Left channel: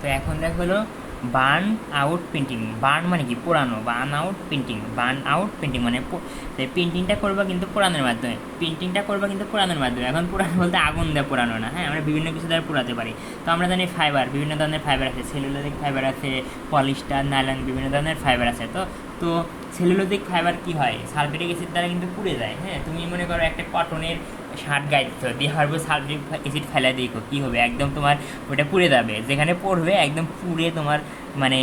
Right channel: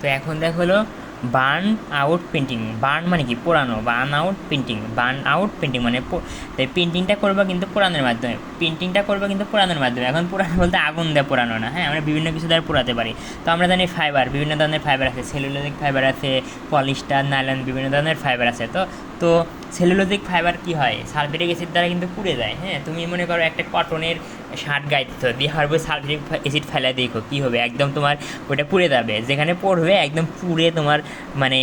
তো এখন দেখো হলো বার্ন আউট পেন্টিং। বার্ন মানে কি? পোড়ানো। Burn out painting, burn out painting মানে পেন্টিংটা করবো কিন্তু পোড়ানোর মাধ্যমে, পেন্টিংটা করবো কিন্তু পোড়ানোর মাধ্যমে। এখন পোড়ানো বলতে আগুন দিয়ে পোড়ানো না, হ্যাঁ, আমরা বিভিন্ন কিছু দ্বারা পোড়াতে পারি। তো আমরা জানি ফাইবার, বিভিন্ন ধরনের ফাইবার আছে, সেলুলোজিক ফাইবার আছে, পলিস্টার, নাইলন, বিভিন্ন ধরনের ফাইবার আছে। তো তো সেলুলোজিক ফাইবার কি হয়, সালফিউরিক অ্যাসিড দ্বারা কিন্তু পুড়ে যায়। হ্যাঁ, তুমি মনে করো একটা কটনের শার্ট গাইতেছো, দিয়ে হারবে সালফিউরিক অ্যাসিড ফেলা দেখো কী হবে, একদম তোমার ওটা পুড়ে যাবে, যেখানে পড়বে একদম পুড়ে তোমার মানে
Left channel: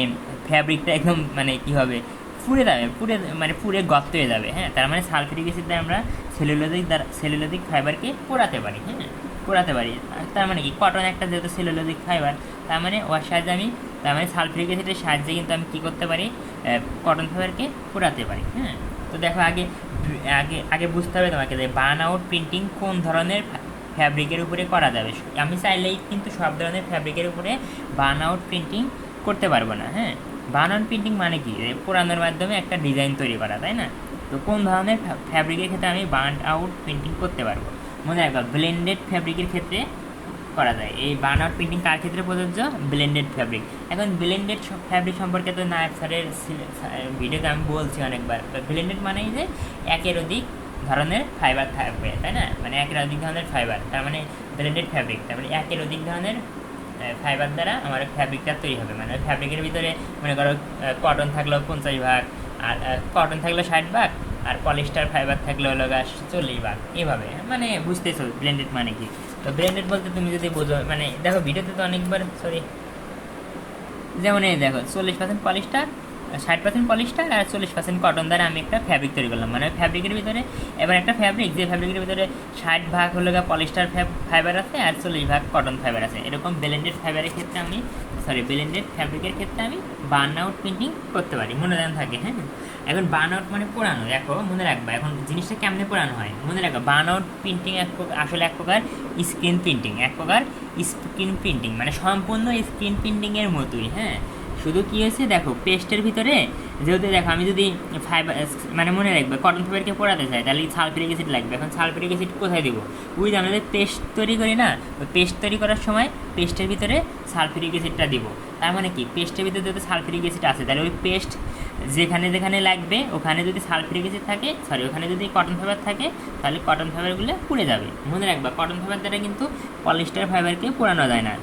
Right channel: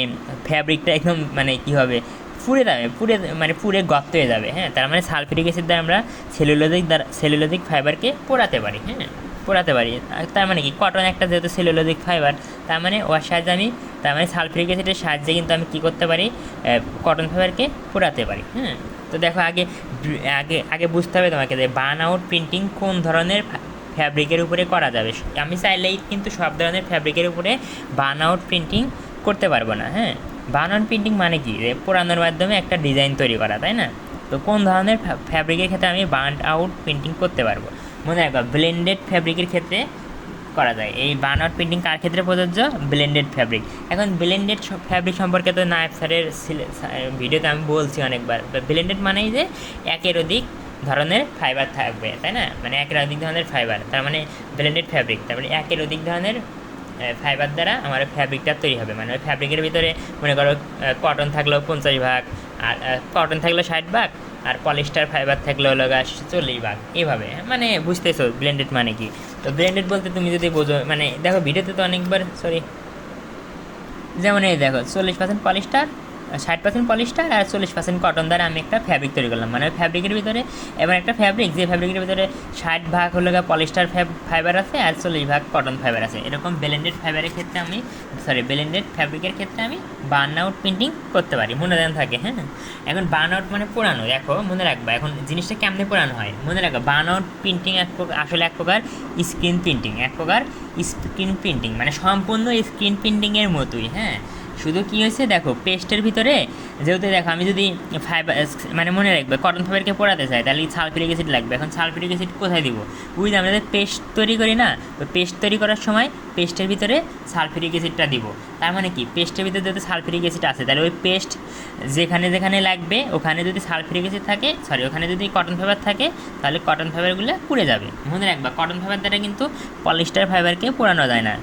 ফ্যাব্রিকটা একদম মানে কী হবে, পুড়ে যাবে, পুড়ে মানে পুড়ে গর্ত হয়ে যাবে। হ্যাঁ, তার মানে সালফিউরিক অ্যাসিড দ্বারা আমরা সেলুলোজিক ফাইবারকে পোড়াতে পারি। হ্যাঁ, পোড়াতে পারি। তার মানে কি, কটন একটা যেহেতু সেলুলোজিক ফাইবার, তার মানে ওর সাহায্যে আমি, তার মানে সালফিউরিক অ্যাসিডের সাহায্যে কিন্তু আমি কী করতে পারি, কটন ফাইবারকে পোড়াতে পারি। হ্যাঁ, তো দেখো আগে আগে আগে বুঝতে হবে তোমাকে যে বার্ন আউট প্রিন্টিং কোন ধরনের ফ্যাব্রিকের উপরে করা যাবে। আমি চাইলেই কিন্তু সব ধরনের ফ্যাব্রিকের উপরে বার্ন আউট প্রিন্টিং করতে পারবো না। হ্যাঁ, বার্ন আউট প্রিন্টিং মানে কি, যে পোড়ানোর মাধ্যমে একটা ডিজাইন তৈরি করা, তাই না? তো কোন ধরনের ফ্যাব্রিকের ক্ষেত্রে আমি বার্ন আউট প্রিন্টিং করতে পারবো? মনে রাখবা, ব্লেন্ডেড ফ্যাব্রিকের ক্ষেত্রে করা যায়। এই বার্ন আউট প্রিন্টিং কার ক্ষেত্রে প্রযোজ্য? Blended fabric. এখন ব্লেন্ডেড ফ্যাব্রিক সম্পর্কে তো নায়েব স্যারের ভিডিওতে আমি বলছি অনেকবার। ব্লেন্ডেড মানেই যে একের অধিক ধরনের ফাইবার থাকবে, তাই না? মানে একের অধিক ধরনের ফাইবার, তার মানে ব্লেন্ডেড ফ্যাব্রিক। তারপরে একের অধিক ধরনের ফাইবার দ্বারা আমার ফ্যাব্রিকটা তৈরি হবে। মানে ওই ফ্যাব্রিকের ভিতরে মনে করো কটন থাকলো 50 ভাগ, আর কটন থাকলো 60 ভাগ, আর পলিস্টার ফাইবার থাকলো হলো 40 ভাগ, এইভাবে। মানে বুঝতেছো ব্লেন্ডেড মানে কি? তো ব্লেন্ডেড বলতে তুমি যদি বোঝো, মানে দেখো ভিডিওতে তো অনেকবার, সরি, যেমন এই দেখো 40% পলিস্টার, 60% পলিস্টার আর 40% কটন দ্বারা আমি একটা ফ্যাব্রিক তৈরি করলাম। মানে ফ্যাব্রিকের ভিতরে এবার একটা ফ্যাব্রিক, যে ফ্যাব্রিকের ভিতরে 60 ভাগ হলো পলিস্টার ফাইবার আছে আর 40 ভাগ কটন ফাইবার আছে। এরকম ব্লেন্ডেড ফাইবারের ক্ষেত্রে আমি, ব্লেন্ডেড ফ্যাব্রিকের ক্ষেত্রে আমি বার্ন আউট প্রিন্টিং করতে পারি, মনে যেন থাকে। হ্যাঁ, এখন বার্ন আউট মানে পোড়ানো। দেখো মনে রাখবা, এখন জিনিসটা কেমনে পোড়ানো হয় মনে রাখবা। বার্ন আউট প্রিন্টিং আসলে এক প্রকার স্ক্রিন প্রিন্টিং, এক প্রকার স্ক্রিন প্রিন্টিং, মানে সম্পূর্ণ স্ক্রিন প্রিন্টিংয়ের মতোই। হ্যাঁ, শুধু কী হয়েছে দেখো, পেস্টের ভিতরে যেহেতু দেখো আমি যদি ফাইবার, মানে মনে রাখবে কটন ফাইবারকে পোড়াতে চাই তাহলে সালফিউরিক অ্যাসিড লাগবে। এখন সালফিউরিক অ্যাসিড কোথায় দিব? ওই যে আমরা যে পেস্ট তৈরি করি না, তো পেস্ট তৈরি করার সময় পেস্টের ভিতরে সালফিউরিক অ্যাসিডটা দিব। তার মানে কি, পেস্টের ভিতরে যেহেতু সালফিউরিক অ্যাসিড আছে, তাহলে ওই পেস্ট যেখানে যেখানে লাগবে ওখানে যদি সালফিউরিক অ্যাসিড থাকে, ওখানে যদি কটন ফাইবার থাকে, তাহলে কটন ফাইবারগুলো পুড়ে যাবে। মনে রাখবা, কটন ফাইবার দ্বারা কিন্তু পলিস্টার ফাইবারকে পোড়ানো যায় না।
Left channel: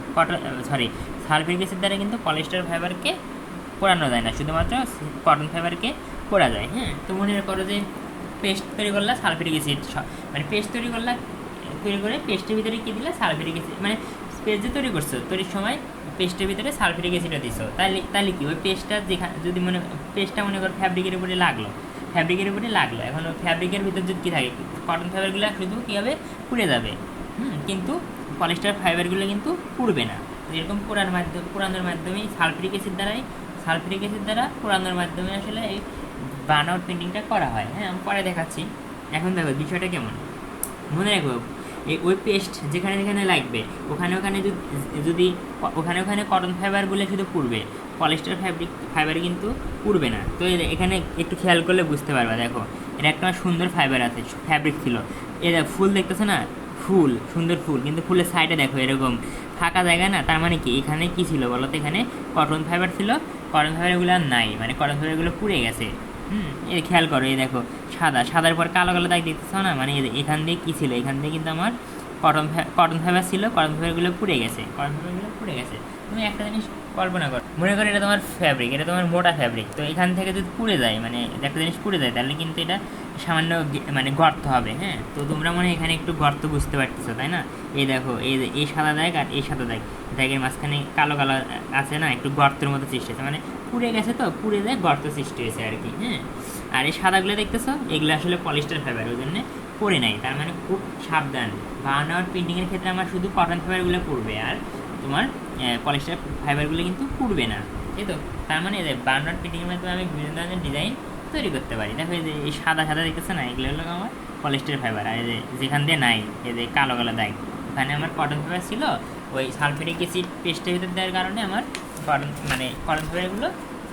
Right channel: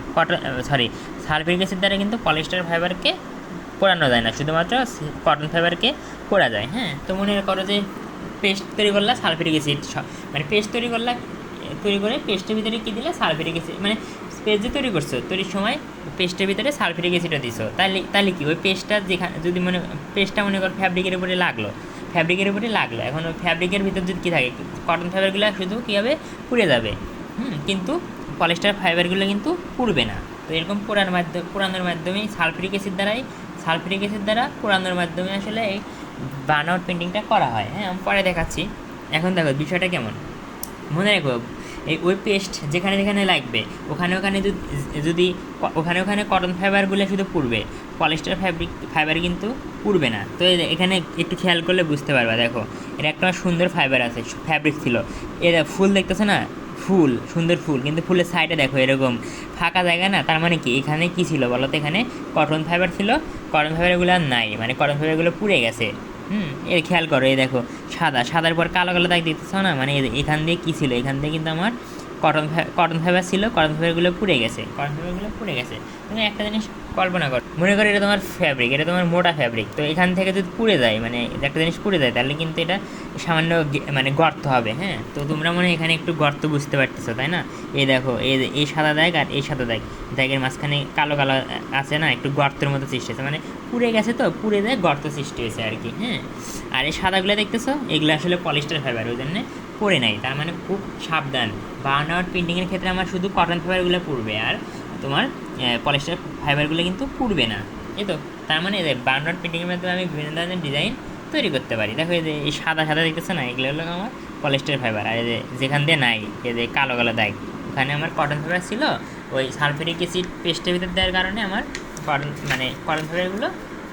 সালফিউরিক অ্যাসিড দ্বারা কিন্তু পলিস্টার ফাইবারকে পোড়ানো যায় না, শুধুমাত্র কটন ফাইবারকে পোড়া যায়। হ্যাঁ, তো মনে করো যে পেস্ট তৈরি করলা, সালফিউরিক অ্যাসিড, মানে পেস্ট তৈরি করলা, তৈরি করে পেস্টের ভিতরে কী দিলে, সালফিউরিক অ্যাসিড, মানে পেস্ট যে তৈরি করছো, তৈরির সময় পেস্টের ভিতরে সালফিউরিক অ্যাসিডও দিছো, তাহলে কি ওই পেস্টটা যেখানে যদি পেস্টটা মনে করো ফ্যাব্রিকের উপরে লাগলো, এখন ওই ফ্যাব্রিকের ভিতর যদি কী থাকে, কটন ফাইবারগুলো শুধু কী হবে, পুড়ে যাবে। কিন্তু পলিস্টার ফাইবারগুলো কিন্তু পুড়বে না। তো এরকম পোড়ানোর মাধ্যমেই সালফিউরিক অ্যাসিড দ্বারা পোড়ানোর মাধ্যমে আসলে এই বার্ন আউট পেন্টিংটা করা হয়। হ্যাঁ, আমি পরে দেখাচ্ছি। এখন দেখো বিষয়টা কেমন, মনে রাখো, ওই পেস্ট যেখানে যেখানে লাগবে ওখানে ওখানে কটন ফাইবারগুলো শুধু পুড়বে, পলিস্টার ফাইবার কিন্তু পুড়বে না। তো এখানে একটু খেয়াল করলে বুঝতে পারবা। দেখো, এটা একটা সুন্দর ফাইবার আছে, ফ্যাব্রিক ছিল। এরা ফুল দেখতেছে না, সুন্দর ফুল, কিন্তু ফুলের সাইডে দেখো এরকম ফাঁকা জায়গা না, তার মানে কি এখানে কি ছিল বলো তো? এখানে কটন ফাইবার ছিল, কটন ফাইবারগুলো আর নাই, মানে কটন ফাইবারগুলো পুড়ে গেছে। এই খেয়াল করো, এই দেখো সাদার পর কালো কালো দাগ দেখতেছ না, মানে এখান দিয়ে কী ছিল, এখান দিয়ে কিন্তু আমার কটন ফাইবার ছিল, কটন ফাইবারগুলো পুড়ে গেছে, তুমি একটা জিনিস কল্পনা করো, মনে করো এটা তোমার ফ্যাব্রিক, এটা তোমার মোটা ফ্যাব্রিক। তো এখান থেকে যদি পুড়ে যায়, মানে একটা জিনিস পুড়ে যায়, তাহলে কিন্তু এটা সামান্য মানে গর্ত হবে। হ্যাঁ, তো তোমরা মনে হয় এখানে একটু গর্ত বুঝতে পারতেছো, তাই না? এই দেখো, এই সাদা দাগ আর এই সাদা দাগের মাঝখানে কালো কালো আছে না, একটু গর্তের মতো সৃষ্টি হয়েছে, মানে পুড়ে গেছে, তো পুড়ে যায় গর্ত সৃষ্টি হয়েছে আর কি। হ্যাঁ, আর এই সাদাগুলো দেখতেছো, এগুলো আসলে পলিস্টার ফাইবার, ওই জন্য পড়ে নাই। তার মানে খুব সাবধান, বার্ন আউট প্রিন্টিংয়ের ক্ষেত্রে আমার শুধু কটন ফাইবারগুলো পুড়বে, আর তোমার পলিস্টার ফাইবারগুলো কিন্তু পুড়বে না। এই তো, তার মানে বার্ন আউট প্রিন্টিংয়ের মাধ্যমে আমি বিভিন্ন ধরনের ডিজাইন তৈরি করতে পারি। দেখো, এই সাদা দেখতেছো না, এগুলো হলো আমার পলিস্টার ফাইবার। আর যেখান দিয়ে নাই, এই যে কালো কালো দাগ, ওখানে আমার কটন ফাইবার ছিল। ওই সালফিউরিক অ্যাসিড পেস্টের ভিতর দেওয়ার কারণে আমার কটন ফাইবারগুলো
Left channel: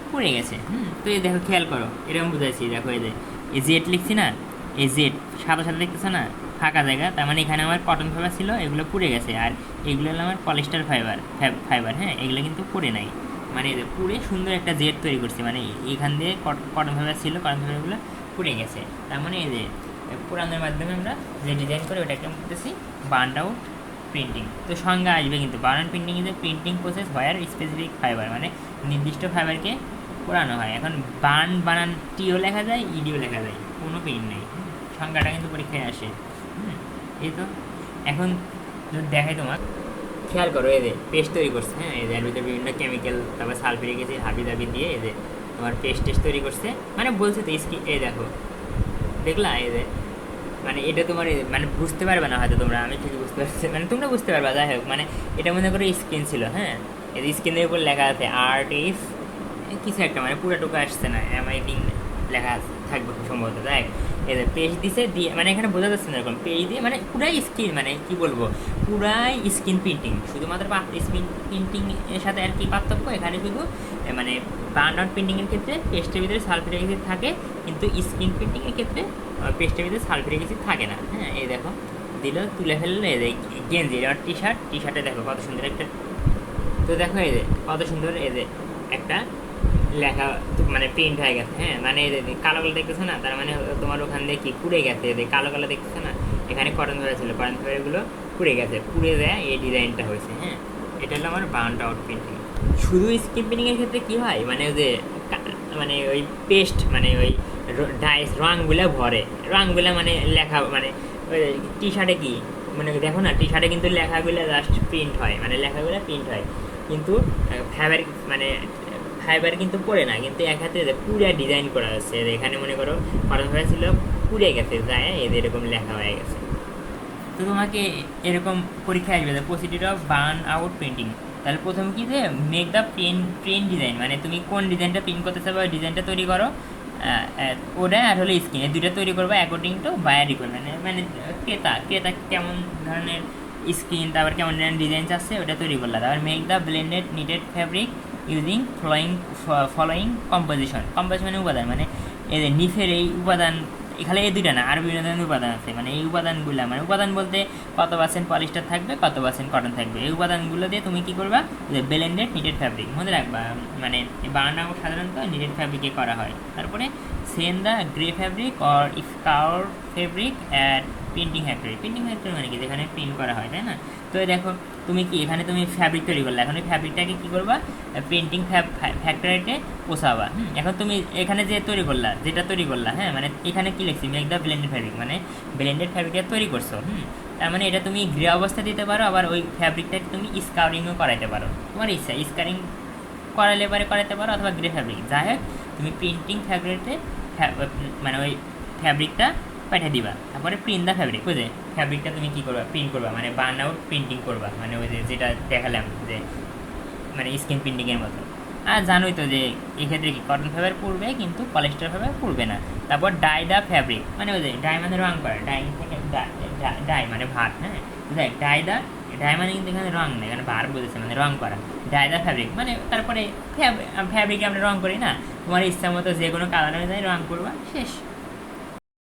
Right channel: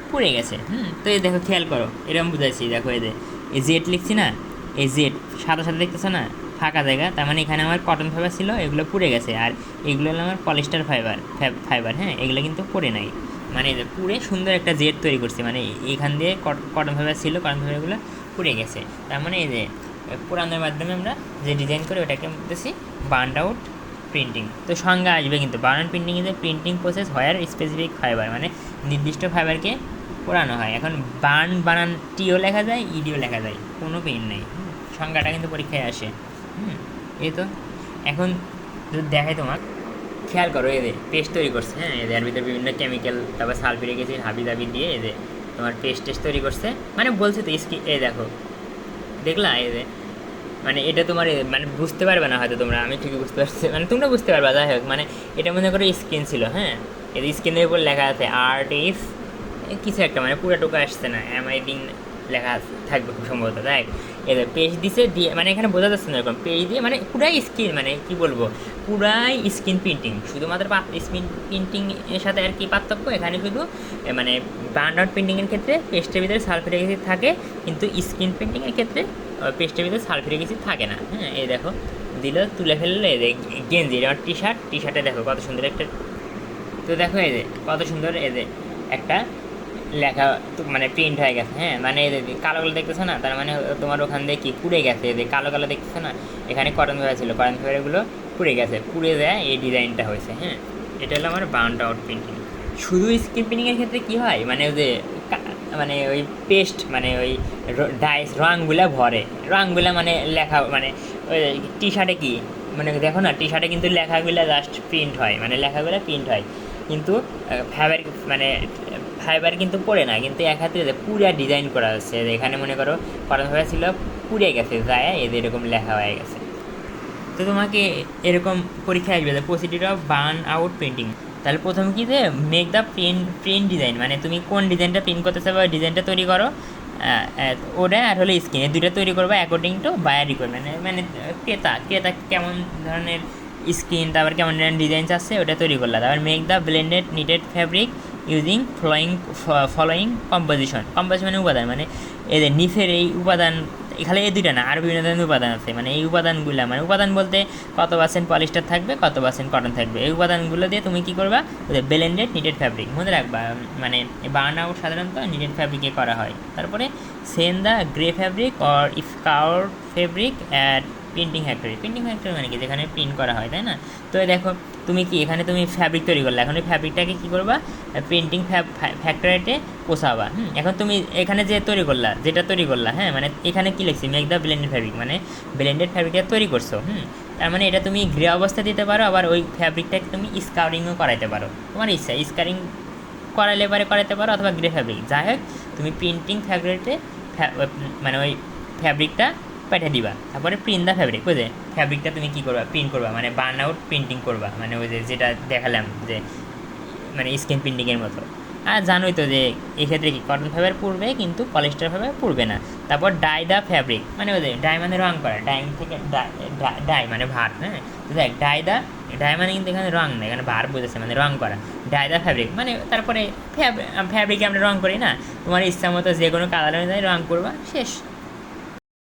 পুড়ে গেছে। তো এই দেখো খেয়াল করো, এরকম বুঝাচ্ছি। দেখো, এই জেড লিখছি না, এই জেড সাদা দেখতেছো না, ফাঁকা জায়গা, তার মানে এখানে আমার কটন ফাইবার ছিল, এগুলো পুড়ে গেছে। আর এগুলো হলো আমার পলিস্টার ফাইবার, হ্যাঁ, এগুলো কিন্তু পুড়ে নাই, মানে এই যে পুড়ে সুন্দর একটা জেড তৈরি করছে, মানে এখান দিয়ে কটন ফাইবার ছিল, কটন ফাইবারগুলো পুড়ে গেছে। তার মানে এই যে পোড়ানোর মাধ্যমে আমরা যে ডিজাইন করে ওটাকে বলতেছি বার্ন আউট প্রিন্টিং। তো সংজ্ঞা আসবে কিন্তু burn out printing is a printing process where specific fibre, মানে নির্দিষ্ট ফাইবারকে পোড়ানো হয়। এখন বার্ন বানান টিও লেখা যায়, ইডিও লেখা যায়, কোনো পেন নেই। সংজ্ঞাটা কিন্তু পরীক্ষায় আসে। এই তো এখন যদি দেখাই তোমার, খেয়াল করো, এদের পেস্ট তৈরি করছে, হ্যাঁ, এদের ভিতরে বিভিন্ন কেমিক্যাল, তারপর সালফিউরিক অ্যাসিড হাবি দাবি দিয়ে এদের তোমার টেস্ট তৈরি করছে, মানে বলছে তো এই দেখো, দেখলা এদের, মানে এটা তোমার মানে বুঝতে পারবে না হয়তো তোমরা, আমি ঠিকই বুঝতে পারছি, মানে তোমরা বুঝতে পারবে, যাই হোক, মানে এটা মনে করো স্কিন ছিল, হ্যাঁ, এর স্কিনের উপর লেখা আছে আর্ট ইফ কিছু একটা, মানে পুরো টোকা আসছে না, এমআইডিং লেখা থাকবে খুব সম্ভবত। দেখ এদের পেজ দিছে দিয়ে, মানে এখানে বোঝা যাচ্ছে না এরকম পেজ দিয়ে, মানে পুরাই স্ক্রিন, মানে কি বলবো, পুরাই স্ক্রিন প্রিন্টিং, শুধুমাত্র স্ক্রিন প্রিন্টিং এর সাথে আর কি পার্থক্য, এখানে শুধু মানে বার্ন আউট প্রিন্টিংয়ের ক্ষেত্রে পেস্টের ভিতরে সালফিউরিক অ্যাসিড থাকে, কিন্তু স্ক্রিন প্রিন্টিংয়ের ক্ষেত্রে পেস্টের ভিতরে সালফিউরিক অ্যাসিড থাকে না। হ্যাঁ, এই দেখো দিল, তুলে ফেললো, এই গেঞ্জি, এটা টি শার্টে দেখো কত সুন্দর একটা, তো দেখো এই যে কত সুন্দর, এই যে একটা লেখা মানে প্রিন্ট হয়ে গেছে, হ্যাঁ, মানে কালো কালো দেখতেছো না, তার মানে তোমার ওখান দিয়ে কি পুড়ে গেছে, এই যে কালো কালো দেখতেছো না, এখানে কটন ফাইবার ছিল, কটন ফাইবারগুলো পুড়ে গেছে, পুড়ে যায় এই ডিজাইনটা হয়েছে। হ্যাঁ, এটা হলো আমার বার্ন আউট প্রিন্টিং। শুধু স্ক্রিন প্রিন্টিংয়ের ক্ষেত্রে কী হয়, মানে যে মানে ওই পেস্ট, মানে ওই ডাইস রঙগুলা ভরে, রঙগুলা মানে লেখা, মানে ওই টি শার্টে কি, মানে দেখো না টি শার্টে কিন্তু লেখাগুলো জাস্ট প্রিন্ট হয়, মানে লেখাগুলো প্রিন্ট হয়, কিন্তু ফাইবার মানে ফাইবার কিন্তু পড়ে না, কিন্তু এক হাতে পুরো ডিজাইন করা হচ্ছে, এখানে মনে করো কটন ফাইবার ছিল, পুড়ে গেছে যায়, এদের এরকম লেখা হয়ে গেছে। তো তোমাকে এরকম পরীক্ষায় আসবে যে procedure of burn out printing, তাহলে প্রথম কি যে মেক দ্য প্রিন্ট ডিজাইন, মানে তুমি কোন ডিজাইনটা প্রিন্ট করতে চাও ওই ডিজাইনটা তৈরি করো, ওটা আর হলে স্ক্রিনে দুটো তৈরি করবো অ্যাকর্ডিং টু বায়ার রিকোয়ারমেন্ট, মানে ক্রেতা কেমন ধরনের স্ক্রিন, তারপর কেমন ধরনের ডিজাইন চাচ্ছে ওটা তৈরি করলা। তারপর make the blended knitted fabric using following composition মানে উপাদান, মানে এদের নিফের এই উপাদান, এখানে এই দুইটা না, আরও বিভিন্ন ধরনের উপাদান আছে, মানে এই উপাদানগুলো, মানে উপাদান বলতে কত পার্সেন্ট পলিস্টার থাকবে, কত পার্সেন্ট কটন থাকবে, এই উপাদানগুলো দিয়ে তুমি কী করবা, ব্লেন্ডেড নিটেড ফ্যাব্রিক মনে রাখবা, মানে বার্ন আউট সাধারণত নিটেড ফ্যাব্রিকে করা হয়। তারপরে send the grey fabric or scour fabric at printing factory মানে কি, যেখানে প্রিন্ট করা হয়, তাই না। তো দেখো তুমি কি এখানে তুমি ফ্যাব্রিক তৈরি করলে, এখন ওই ফ্যাব্রিকটাকে কী করবা, প্রিন্টিং ফ্যাক্টরিতে পোষাবা। এখন তুমি এখানে যেটা তৈরি করলা, হ্যাঁ, মানে এখানে কী লিখছি, মেক দ্য ব্লেন্ডেড ফ্যাব্রিক, মানে ব্লেন্ডেড ফ্যাব্রিকটা তৈরি করছো, তার মানে এটা তুমি গ্রে অবস্থা দিতে পারো, আবার ওই ফ্যাব্রিকটাকে তুমি স্কাউরিংও করাতে পারো, তোমার ইচ্ছা, স্কারিং করালে পারে করাতে পারো, অথবা গ্রে ফ্যাব্রিক, যাই হোক তুমি প্রিন্টিং ফ্যাক্টরিতে মানে ওই ফ্যাব্রিকটা পাঠিয়ে দিবা। তারপরে প্রিন্ট দ্য ফ্যাব্রিক, বুঝে ফ্যাব্রিকটা তুমি কী করবা, প্রিন্ট করবা, মানে বার্ন আউট প্রিন্টিং করবা, মানে ওই যেটা দেখালাম যে মানে স্ক্রিন প্রিন্টিংয়ের মতো। আর জানোই তো যে এক্ষেত্রে কি কটন ফাইবার পড়বে, কিন্তু পলিস্টার ফাইবার পড়বে না। তারপর ডাই দ্য ফ্যাব্রিক, মানে ওই যে ডাই মানে রং করা, ডাইং থেকে ডাই মানে ভাত, হ্যাঁ, দেখ ডাই মানে কিন্তু এখানে রং নেই, এখানে ভার বুঝেছে, মানে রং করা। ডাই দ্য ফ্যাব্রিক মানে তারপরে ফ্যাব্রিকে আমরা রং করি না, তোমার ইচ্ছা মতো যে কোনো কালার অনুযায়ী রং করবা, শেষ।